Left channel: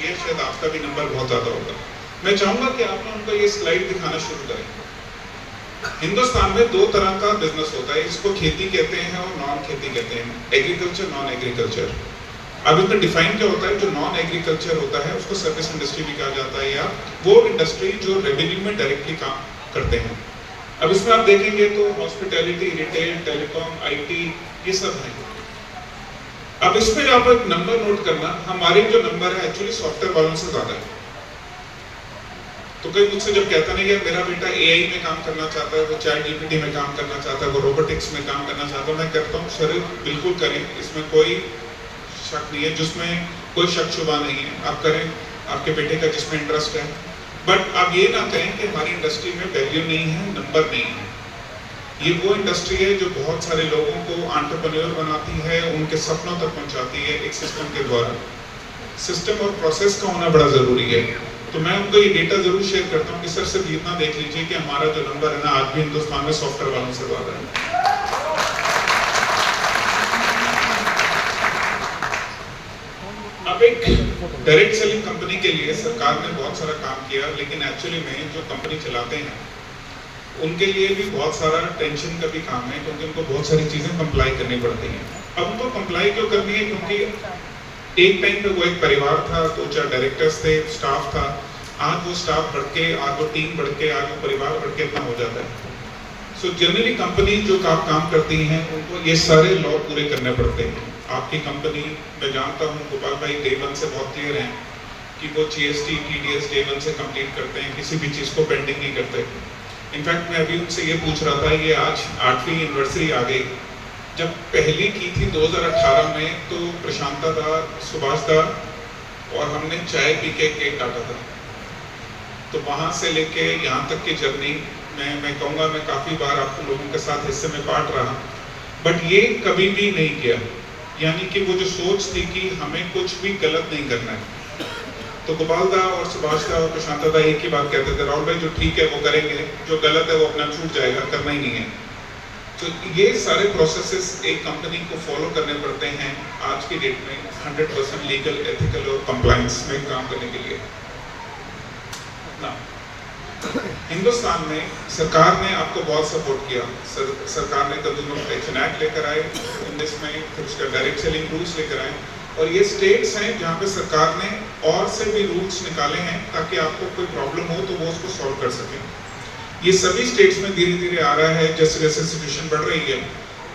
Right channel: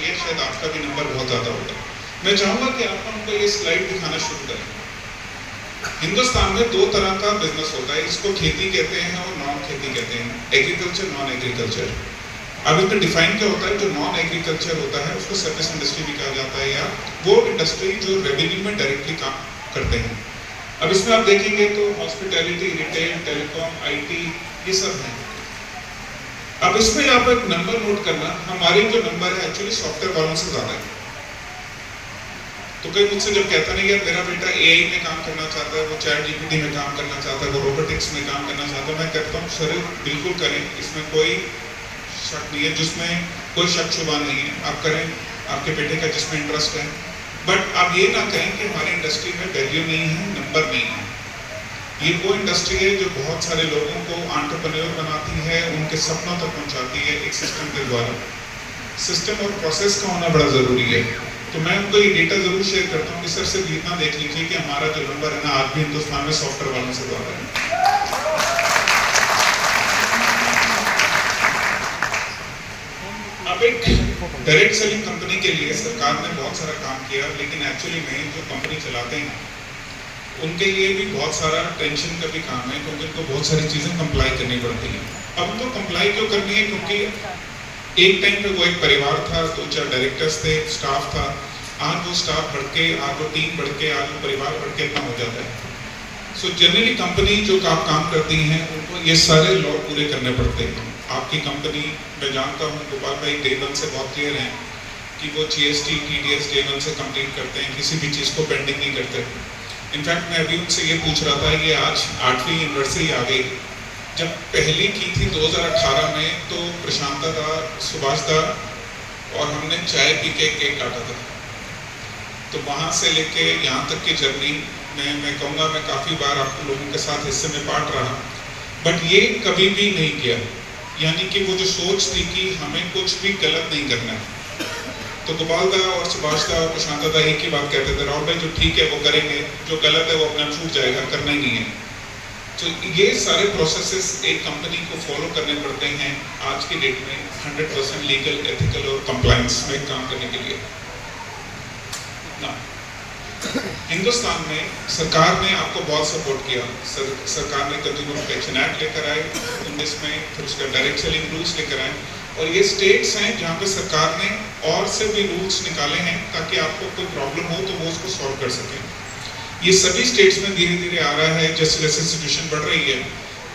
Industry है, शायद आपका भी नंबर बहुत ज़्यादा होगा। मैं चाहूँगा कि आप उनको ये स्लाइड दिखाना शुरू करें। हिंदुस्तान में दो तरह का बिजनेस होता है, इसको खेती कहते हैं और नॉन खेती कहते हैं, एग्रीकल्चर, नॉन एग्रीकल्चर। अब इसमें डिफाइन क्या होता है? जो नॉन एग्रीकल्चर होता है उसको सर्विस इंडस्ट्री भी कहा जाता है, या वो इंडस्ट्री जो रेवेन्यू में डायरेक्टली काम करते हैं। अब इसमें आप देखेंगे तो हॉस्पिटैलिटी, रिटेल, टेलीकॉम, आईटी, ये सब है। अब इसमें आप एक नंबर नोट करना, हमारे जो नंबर है एक्चुअली सॉफ्टवेयर वालों से ज्यादा है। तो कोई मुझसे जब कहता नहीं यार मेरा बेटा एआई में काम करना चाहता है, वो चैट जीपीटी में काम करना चाहता है, वो रोबोटिक्स में काम करना चाहता है, मैं कहता हूँ सर बिल्कुल करें, इसमें कोई शक नहीं है, जिसमें कोई शक शुबा नहीं है, आप करें आपके बेटे का जिसमें इंटरेस्ट है। बट आप ये ना कहें कि हमारी इंडस्ट्री में वैल्यू नहीं है, नंबर नहीं है। ये वो इंडस्ट्री है जो बहुत सारे लोगों को एंटरप्रेन्योर बनाती है, उनके सपनों तक पहुंचाती है एक सिस्टम के द्वारा। सिस्टम और प्रोसेस का होना बड़ा जरूरी है। तो मैं उनको ये डेटा जरूर शेयर करता हूँ कि सर सिर्फ इतना देख लीजिए कि हमारा जो नंबर है ना आज भी हिंदुस्तान में सॉफ्टवेयर वालों से ज्यादा है। अब एक डायरेक्ट सेलिंग कंपनी के लिए सरकार ने बहुत सारा काम किया, लेकिन एक्चुअली में जो कंपनी चलाते हैं उनके लिए भी बहुत सारा टेंशन का भी काम है, क्योंकि उनको बहुत सारी चीजें कंप्लाई करनी पड़ती हैं। अब उनको कंप्लाई क्यों करनी है? क्योंकि एक टाइम पे वो एक परिवार था, तो चाहे डायरेक्टर्स थे, स्टाफ था, आज वो स्टाफ बढ़ के, आज वो टीम बढ़ के, आज वो परिवार बढ़ के इतना हो जाता है। सो जनरली कंपनी जो काम करती हैं उनको ये सारे लॉ पूरे करने पड़ते हैं। आपकी कंपनी, मैं जानता हूँ गोपाल भाई डे वन से बहुत क्लियर हैं कि वो जीएसटी, टीडीएस डे वन से कंप्लीट करते हैं, किसी भी चीज़ को पेंडिंग नहीं करते। इनफैक्ट मैं अभी उनसे ये पूछ रहा था, ये आज 8वीं एनिवर्सरी आ गई, जब पहली की थी 2018 में, तो प्रशांता था, सुभाष था, और हमने चाय पी के केक काटा था। तो वहाँ से लेके यहाँ तक की जर्नी मैं कहूँगा मैं काफ़ी बार आप लोगों के साथ हिस्से में बांट रहा, बट ये कभी भी नहीं किया। यानी कि वो जो सोच थी कि हमें कुछ भी गलत नहीं करना है। तो गोपाल दा और सुभाष दा और प्रशांत दा एक ही बात कहते थे, राहुल भाई जो ठीक है वो करेंगे, जो गलत है वो अपना छूट जाएगा, करना ही नहीं है। तो ये सारे प्रोसेसेस एक कंपनी को फॉलो करने पड़ते हैं आज की डेट में 100% लीगल, एथिकल और कंप्लायंस में काम करने के लिए ना। हिंदुस्तान में सरकार ने आपको बहुत सपोर्ट किया। सरकार ने कंज्यूमर प्रोटेक्शन एक्ट लेकर आए, जिसमें कुछ डायरेक्ट सेलिंग रूल्स लेकर आए, और ये स्टेट्स हैं जहाँ पे सरकार ने और से भी रूल्स निकाले हैं ताकि आपको कोई प्रॉब्लम हो तो वो उसको सॉल्व कर सकें। ये सभी स्टेट्स में धीरे धीरे आ रहा है जैसे जैसे सिचुएशन बढ़ रही है।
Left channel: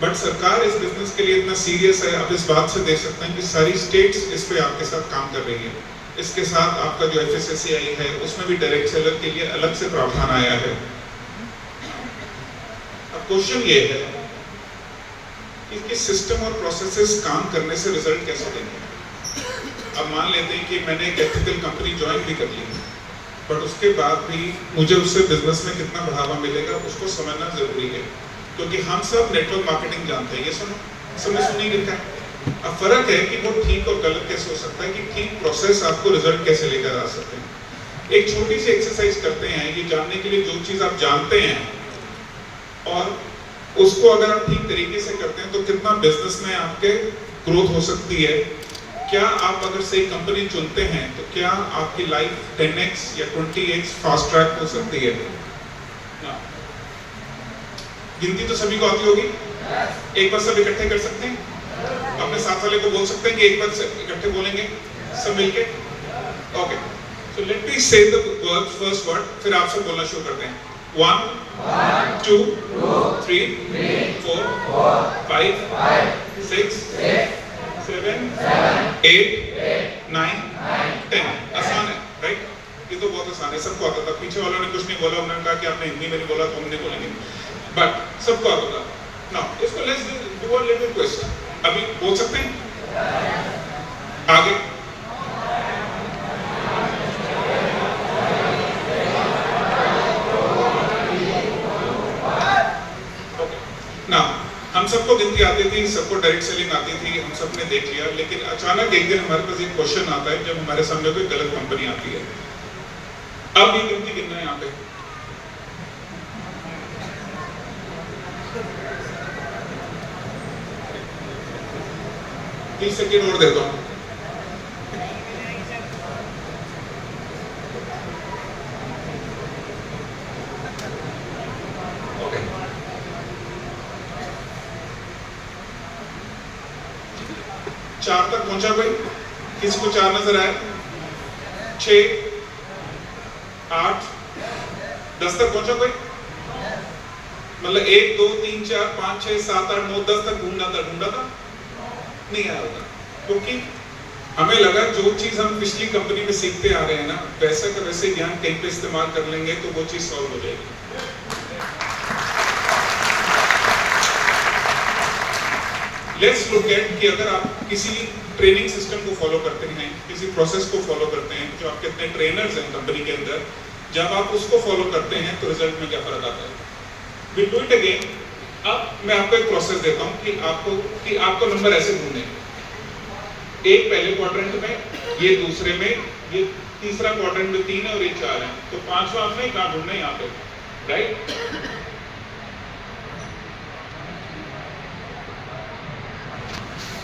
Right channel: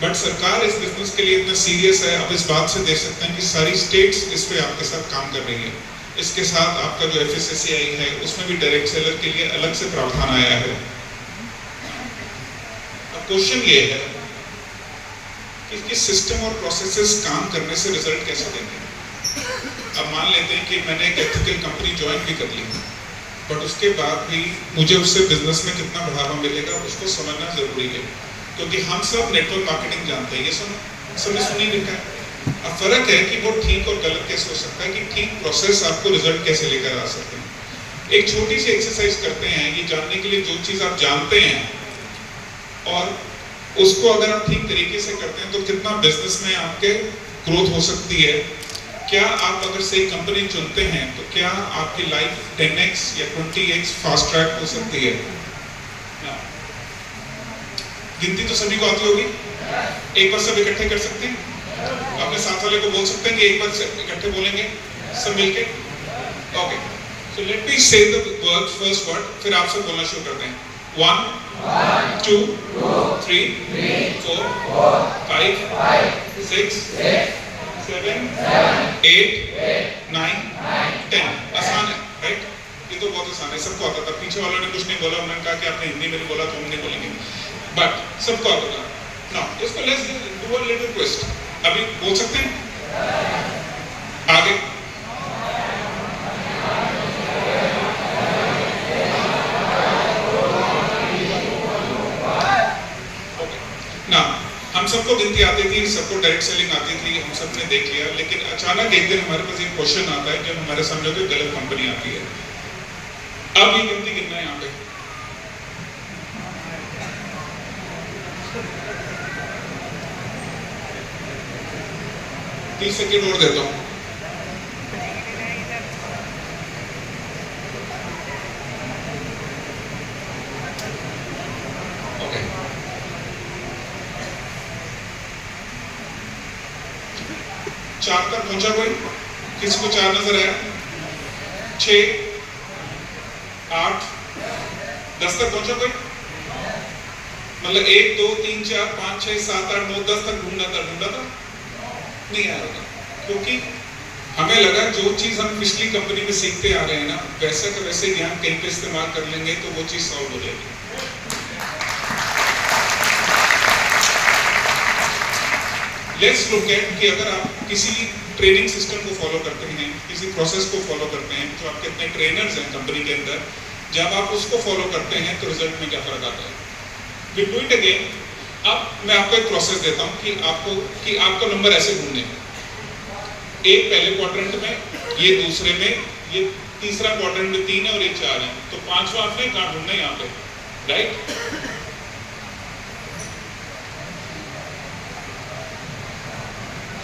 बट सरकार इस बिजनेस के लिए इतना सीरियस है, आप इस बात से देख सकते हैं कि सारी स्टेट्स इस पे आपके साथ काम कर रही है। इसके साथ आपका जो FSSAI है उसमें भी डायरेक्ट सेलर के लिए अलग से प्रावधान आया है। अब क्वेश्चन ये है कि सिस्टम और प्रोसेसेस काम करने से रिजल्ट कैसे देंगे। अब मान लेते हैं कि मैंने एक एथिकल कंपनी ज्वाइन भी कर ली, बट उसके बाद भी मुझे उससे बिजनेस में कितना बढ़ावा मिलेगा उसको समझना जरूरी है, क्योंकि हम सब नेटवर्क मार्केटिंग जानते हैं, ये समझ सुनी रहता है। अब फर्क है कि वो ठीक और गलत कैसे हो सकता है, कि ठीक प्रोसेस आपको रिजल्ट कैसे लेकर आ सकते हैं। एक छोटी सी एक्सरसाइज करते हैं ये जानने के लिए, जो चीज आप जानते हैं और उसको अगर आप ठीक तरीके से करते हैं तो कितना बिजनेस में आपके ग्रोथ हो सकती है। क्या आप अगर सही कंपनी चुनते हैं तो क्या आपकी लाइफ 10x या 20x फास्ट ट्रैक हो सकती है। गिनती तो सभी को आती होगी, एक बार सब इकट्ठे कर सकते हैं, अपने साथ वाले को बोल सकते हैं कि एक बार से इकट्ठे बोलेंगे सब मिलके। ओके, सो लेट मी से द वर्ड, फर्स्ट वर्ड, फिर आप सब बोलना शुरू करते हैं। 1 2 3 4 5 6 7 8 9 10। आसान है राइट? ये तो बहुत आसान है, सबको आता था। पीछे वालों ने कुछ नहीं बोला, उन्होंने कहा कि आपने हिंदी में नहीं बोला तो हम नहीं बोलेंगे, बट सबको आता था। नाउ इसको let's do a little twist. अभी बोल सकते हैं आगे। ना हम सबको गिनती आती थी, सबको डायरेक्ट सेलिंग आती थी, हम सब ने देख लिया, लेकिन अचानक एक दिन हमारे पास एक क्वेश्चन आता है जब हमारे सामने कोई गलत कंपनी आती है। अब ये गिनती गिनना है यहाँ पे। तीस सेकेंड और देता हूँ। 4 तक पहुंचा कोई? किसी को 4 नजर आए? 6, 8, 10 तक पहुंचा कोई? मतलब 1, 2, 3, 4, 5, 6, 7, 8, 9, 10 तक ढूंढा था? नहीं आया होगा, क्योंकि हमें लगा जो चीज हम पिछली कंपनी में सीखते आ रहे हैं ना, वैसा का वैसे ज्ञान कहीं पे इस्तेमाल कर लेंगे तो वो चीज सॉल्व हो जाएगी। लेट्स लुक एट कि अगर आप किसी ट्रेनिंग सिस्टम को फॉलो करते हैं, किसी प्रोसेस को फॉलो करते हैं, जो आपके इतने ट्रेनर्स हैं कंपनी के अंदर, जब आप उसको फॉलो करते हैं तो रिजल्ट में क्या फर्क आता है? We do it again. अब मैं आपको एक प्रोसेस देता हूं कि आपको नंबर ऐसे ढूंढने हैं। एक पहले क्वाड्रेंट में, ये दूसरे में, ये तीसरा क्वाड्रेंट में 3 है और ये 4 है, तो 5वां आपने कहां ढूंढना है? यहाँ पे, राइट?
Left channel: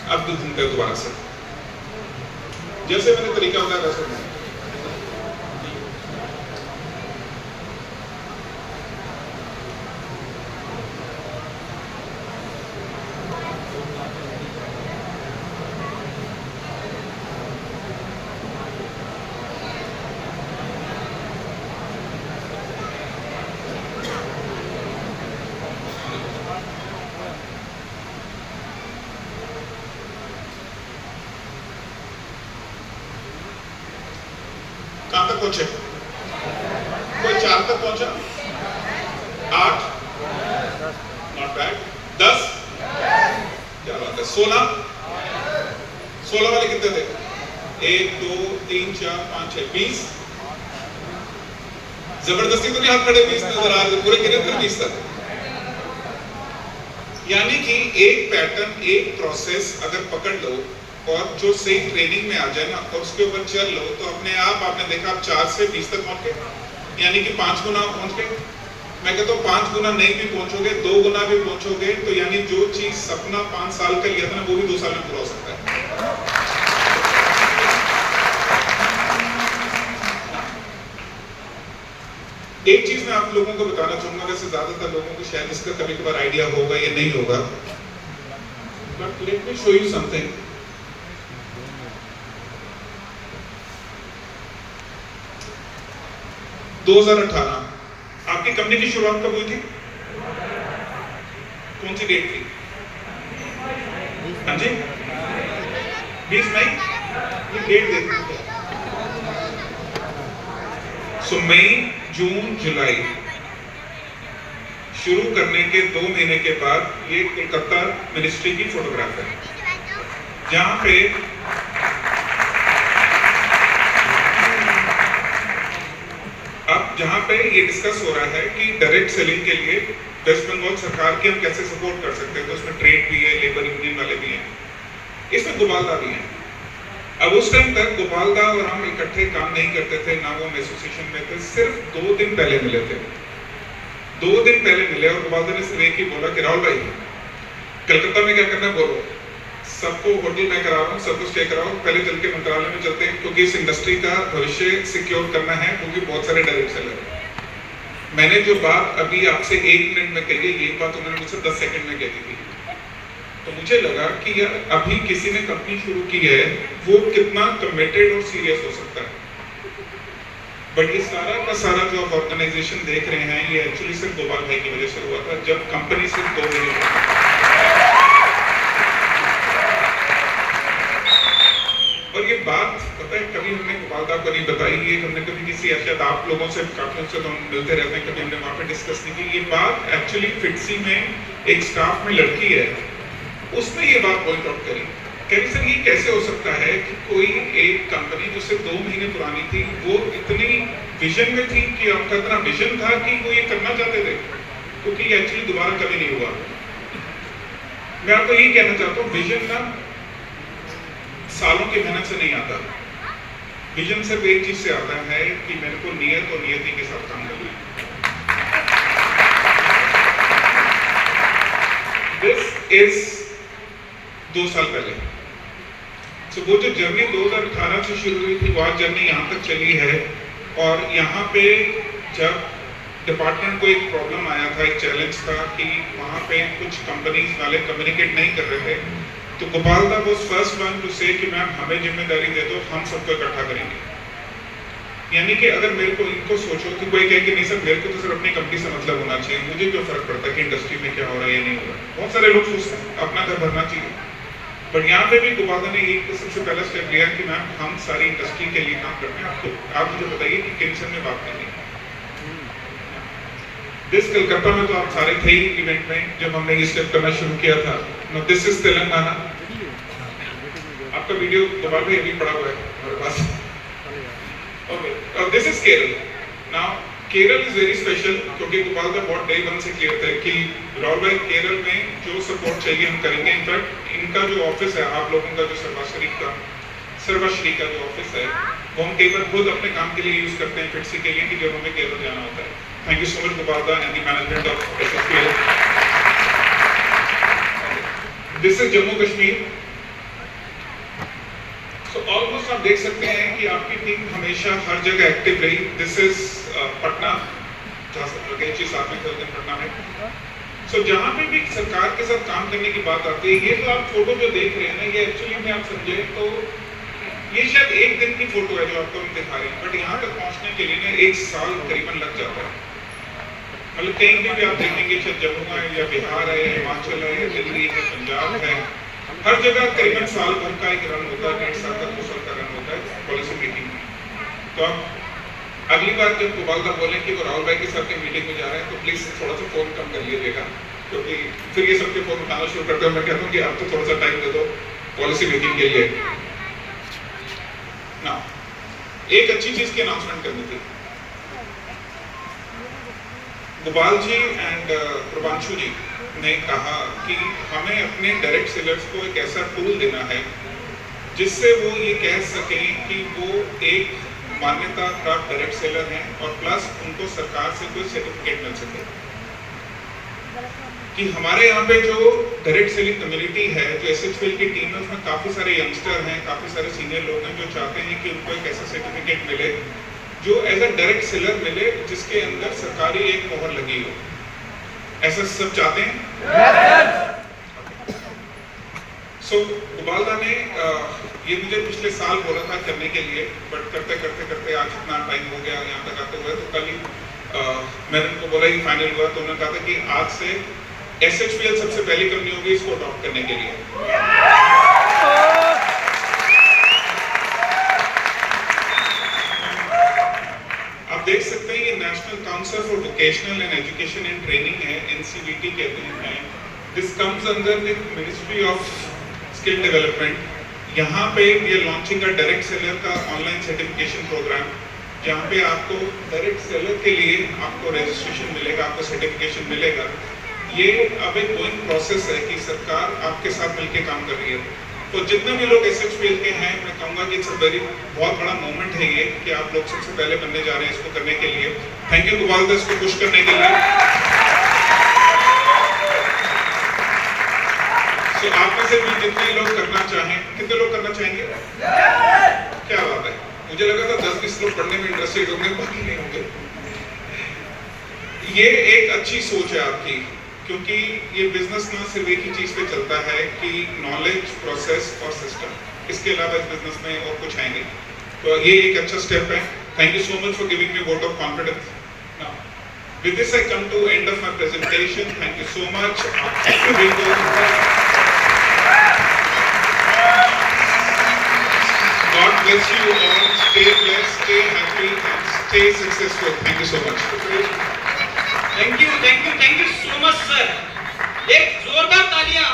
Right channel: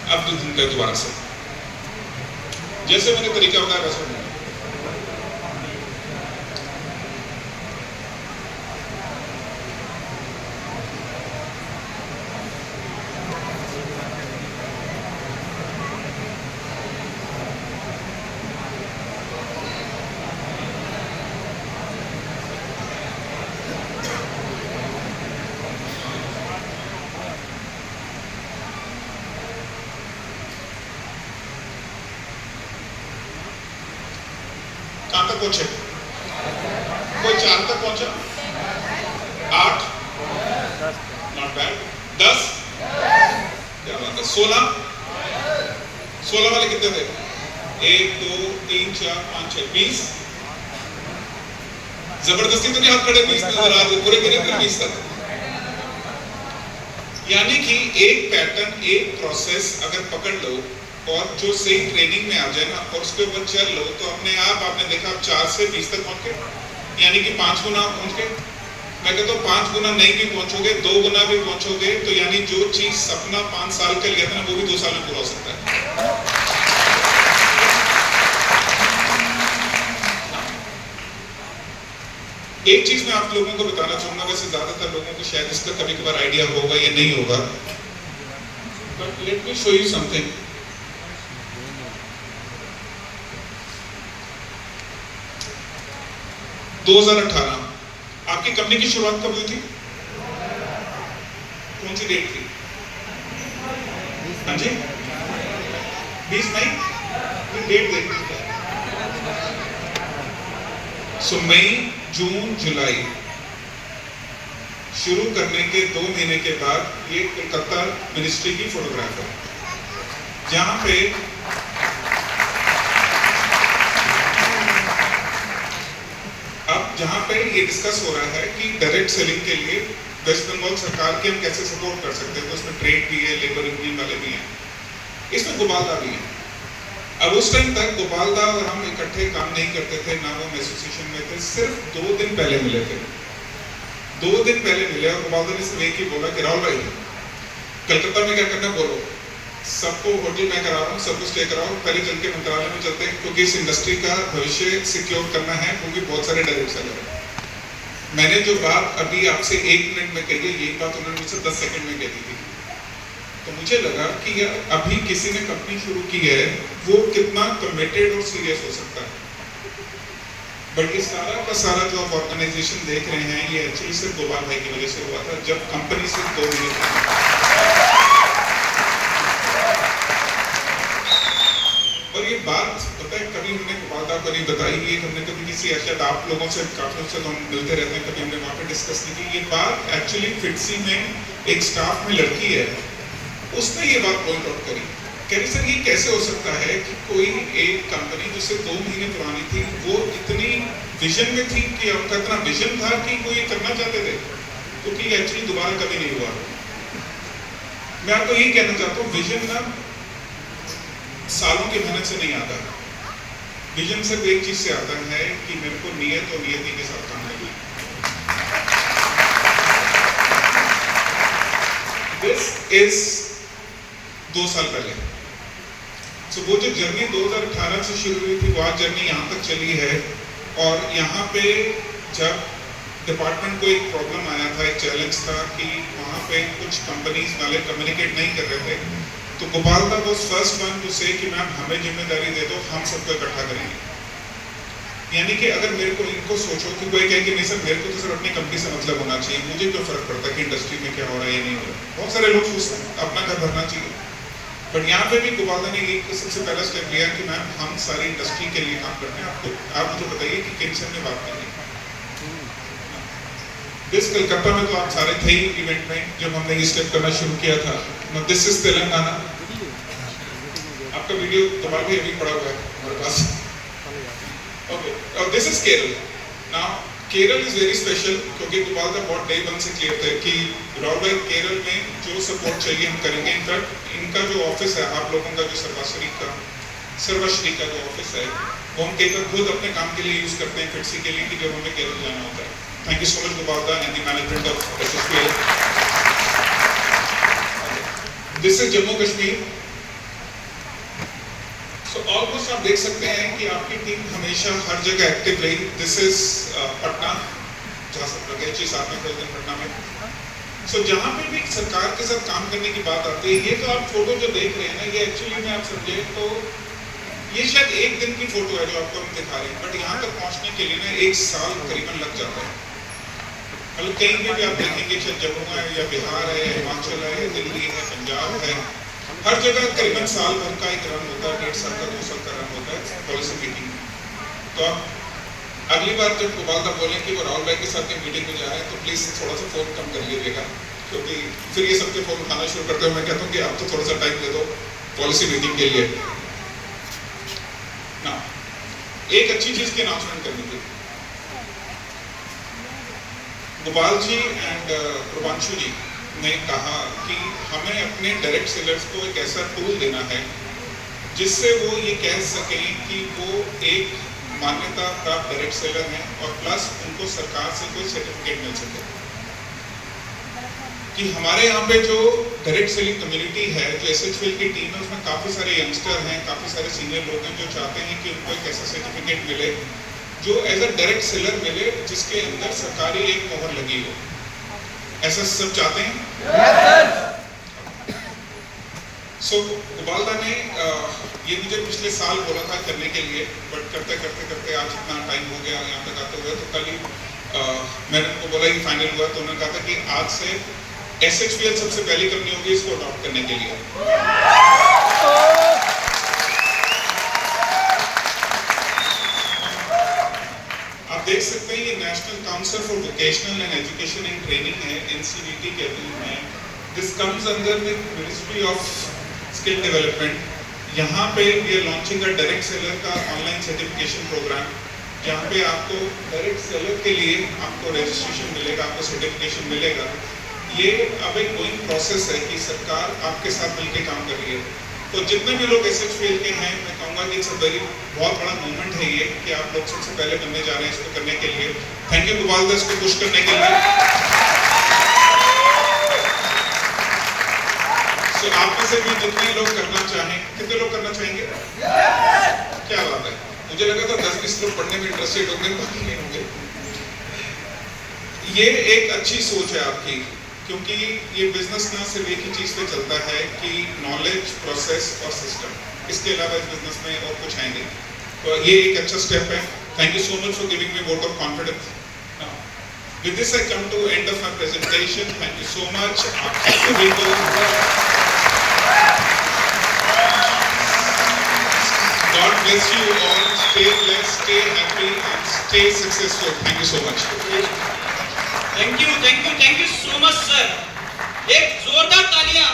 अब दोबारा से जैसे मैंने तरीका बताया वैसे ढूंढना। कहां तक पहुंचे? कोई 4 तक पहुंचा? 8, नॉट बैड। 10, क्या बात है। 16 वाले कितने थे? 1, 2, 3, 4, 5, 6, 20। जबरदस्ती तो नहीं हाथ खड़े 20 नजर आ रहे, पूरे गिने थे 20 तक। यानी कि एक पैटर्न, एक प्रोसेस अगर पकड़ लो और जो सही ट्रेनिंग में आ जाए ना और उसके ऊपर चल लो, तो अपने आप आपने देखा आप 4 से 20 तक पहुंच गए, यानी कि 5 गुना पहुंच गए। मैं कहता हूँ 5 गुना नहीं भी पहुंचोगे, 2 गुना भी पहुंचोगे, तो यानी जो चीज सपना 5 साल का लिया था ना, वो भी 2 साल में पूरा हो सकता है। एक चीज मैं आप लोगों को बताना चाहूंगा, वैसे ज्यादातर लोगों को शायद इसका कभी कभार आइडिया होगा या नहीं होगा, but let me show you something. आपकी कंपनी की शुरुआत कब हुई थी? कौन सी डेट थी? हाँ जी, 20 मई। डेट देखिए, सो मई, जून, जुलाई शुरू करने के 2 महीने के बाद ये कोलकाता मिनिस्ट्री की फोटोग्राफ है, जहां पे ये डिस्कस हो रहा है कि डायरेक्ट सेलिंग के लिए वेस्ट बंगाल सरकार की हम कैसे सपोर्ट कर सकते हैं। तो इसमें ट्रेड भी है, लेबर यूनियन वाले भी हैं, इसमें गोपालदा भी हैं। अब उस टाइम तक गोपालदा और हम इकट्ठे काम नहीं करते थे, ना वो एसोसिएशन में थे। सिर्फ 2 दिन पहले मिले थे, 2 दिन पहले मिले और गोपालदा ने सिर्फ एक ही बोला कि राहुल भाई कलकत्ता में क्या करना है बोलो, सबको होटल में करा रहा हूँ, सबको स्टे कराओ, पहले चल के मंत्रालय में चलते हैं, क्योंकि इस इंडस्ट्री का भविष्य सिक्योर करना है, क्योंकि बहुत सारे डायरेक्ट सेलर हैं। मैंने जो बात अभी आपसे 1 मिनट में कही है, यही बात उन्होंने मुझसे 10 सेकंड में कह दी थी। तो मुझे लगा कि यार अभी किसी ने कंपनी शुरू की है, वो कितना कमिटेड और सीरियस हो सकता है। बट ये सारा का सारा जो आप ऑर्गेनाइजेशन देख रहे हैं, ये एक्चुअली सिर्फ गोपाल भाई की वजह से हुआ था, जब कंपनी सिर्फ 2 महीने। और ये बात पता है कभी हमने गोपालदा को नहीं बताई, ये हमने कभी किसी शायद आप लोगों से काफी से तो हम मिलते रहते हैं, कभी हमने वहाँ पे डिस्कस नहीं की। ये बात एक्चुअली फिटसी में एक स्टाफ में लड़की है, उसने ये बात पॉइंट आउट करी, कह रही सर ये कैसे हो सकता है कि कोई एक कंपनी जो सिर्फ 2 महीने पुरानी थी, वो इतनी विजन में थी कि उनका इतना विजन था कि वो ये करना चाहते थे, क्योंकि ये एक्चुअली दोबारा कभी नहीं हुआ। मैं आपको यही कहना चाहता हूँ, विजन ना सालों की मेहनत से नहीं आता, विजन सिर्फ एक चीज से आता है कि मेरे को नियत और नियति के साथ काम करना है। दिस इज 2 साल पहले। So, वो जो जर्नी 2018 से शुरू हुई थी, वो आज जर्नी यहाँ तक चली है। और यहाँ पे जब डिपार्टमेंट को एक प्रॉब्लम आया था, एक चैलेंज था कि वहाँ पे कुछ कंपनीज वाले कम्युनिकेट नहीं कर रहे थे, तो गोपाल दा वाज फर्स्ट वन टू से कि मैम हमें जिम्मेदारी दे दो, हम सबको इकट्ठा करेंगे। यानी कि अगर मेरे को इनको सोचो कि कोई कहे कि नहीं सर मेरे को तो सिर्फ अपनी कंपनी से मतलब होना चाहिए, मुझे क्यों फर्क पड़ता है कि इंडस्ट्री में क्या हो रहा है या नहीं हो रहा। बहुत सारे लोग सोचते हैं अपना घर भरना चाहिए, बट यहाँ पे भी गोपाल ने एक सबसे पहला स्टेप लिया कि मैम हम सारी इंडस्ट्री के लिए काम करते हैं, आपको आप मुझे बताइए कि किन में बात करेंगे। दिस कलकत्ता में तो आप सारे थे ही इवेंट में जब हमने ये स्टेप करना शुरू किया था। No this is Telangana. आपका वीडियो गोपाल भाई अभी पड़ा हुआ है हमारे पास। Okay, this is Kerala. Now, Kerala is very special क्योंकि गोपाल दा बहुत डे वन से क्लियर था कि राहुल भाई केरल में जो सपोर्ट चाहिए हम करेंगे। इनफैक्ट इनका जो ऑफिस है, आप लोगों का जो सर्वश्री का जो ऑफिस है, वो हम कई बार खुद अपने काम के लिए यूज करते हैं फिटसी के लिए कि जब हमें केरल जाना होता है। Thank you so much Gopal da and the management of SSPL। This is Jammu Kashmir. तो ऑलमोस्ट आप देख सकते हैं कि आपकी टीम हमेशा हर जगह एक्टिव रही। दिस इज पटना, जहाँ सब लोग चीज साथ में खेलते हैं पटना में। सो जहाँ पे भी सरकार के साथ काम करने की बात आती है, ये तो आप फोटो जो देख रहे हैं ना, ये एक्चुअली में आप समझे तो ये शायद एक दिन की फोटो है जो आपको हम दिखा रहे हैं, बट यहाँ तक पहुँचने के लिए ना 1 साल करीबन लग जाता है। मतलब कहीं भी आप देखेंगे, चाहे जम्मू है या बिहार है या हिमाचल है या दिल्ली है, पंजाब है, हर जगह करीबन साल भर का एक रन होता है, 1.5 साल का 2 साल का रन होता है पॉलिसी मेकिंग में। तो आप अगली बार जब गोपाल दा बोलें कि वो राहुल भाई के साथ मीटिंग में जा रहे हैं तो प्लीज थोड़ा सा फोन कम कर लीजिएगा, क्योंकि फिर ये सबके फोन उठाना शुरू करते हैं। मैं कहता हूँ कि आप तो थोड़ा सा टाइम दे दो पॉलिसी मेकिंग के लिए ना। एक अच्छी चीज की अनाउंसमेंट करनी थी। गोपाल जी एंड प्रभांशु जी ने कहा कि हमें अपने डायरेक्ट सेलर्स को एक ऐसा टूल देना है जिससे वो ये कह सकें कि वो एक मान्यता प्राप्त डायरेक्ट सेलर हैं और प्लस उनको सरकार से कोई सर्टिफिकेट मिल सके। कि हमारे यहाँ पे जो डायरेक्ट सेलिंग कम्युनिटी है, जो SHPL की टीम है, उसमें काफी सारे यंगस्टर हैं, काफी सारे सीनियर लोग हैं जो चाहते हैं कि उनको एक ऐसा सर्टिफिकेट मिले जो एज अ डायरेक्ट सेलर मिले, जिसके अंदर सरकारी एक मोहर लगी हो। ऐसा सब चाहते हैं? सो गोपाल दा ने ये मुझे पिछले साल बोला था करने के लिए, बट करते करते करते आज इतना टाइम हो गया यहाँ तक आते हुए, तो कल ही मैंने उनको बोला कि फाइनल हुआ, तो उन्होंने कहा था कि आज से SHPL सबसे पहली कंपनी होगी इसको अडॉप्ट करने के लिए। आप देख सकते हैं ये national council for vocational and education and training है, NCVT कहते हैं। This comes under the ministry of skill development. यहाँ पे we are launching a direct seller का ऑनलाइन सर्टिफिकेशन प्रोग्राम, जहाँ पे आपको डायरेक्ट सेलर के लिए आपको रजिस्ट्रेशन मिलेगा, आपको सर्टिफिकेशन मिलेगा। ये अब एक गोइंग प्रोसेस है कि सरकार आपके साथ मिलकर काम कर रही है। तो जितने भी लोग SHPL के हैं, मैं कहूँगा कि इट्स वेरी बहुत बड़ा मोमेंट है ये कि आप लोग सबसे पहले बनने जा रहे हैं इसको करने के लिए। थैंक यू गोपाल दा इसको पुश करने के लिए। तो आप में से भी जितने लोग करना चाहें, कितने लोग करना चाहेंगे? क्या बात है, मुझे लगा था 10-20 लोग पढ़ने में इंटरेस्टेड होंगे, बाकी नहीं होंगे। ये एक अच्छी सोच है आपकी, क्योंकि ये बिजनेस ना सिर्फ एक ही चीज पे चलता है कि नॉलेज, प्रोसेस और सिस्टम, इसके अलावा इस बिजनेस में और कुछ आएंगे। तो ये एक अच्छा स्टेप है। Thank you so much for giving me vote of confidence. With this I come to end of my presentation. Thank you so much. सभी को God bless you all. Stay blessed, stay happy and stay successful. Thank you so much. Thank you so much sir. एक जोरदार तालियां